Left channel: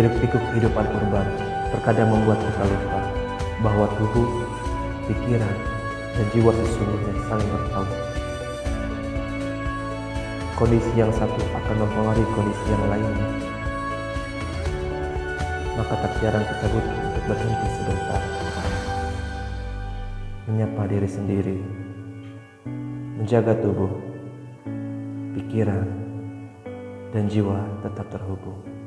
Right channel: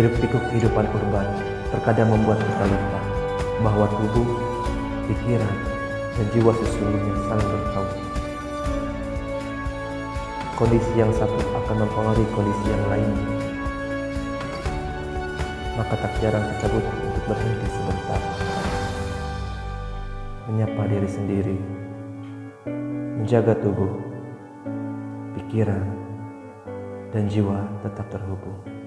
Hiruk-pikuk kehidupan urban terkadang membuat kita lupa bahwa tubuh, pikiran, dan jiwa sesungguhnya saling bertaut. Kondisi yang satu akan mempengaruhi kondisi yang lainnya. Maka tak jarang kita butuh untuk berhenti sebentar, menyapa diri sendiri, menjaga tubuh, pikiran, dan jiwa tetap terhubung.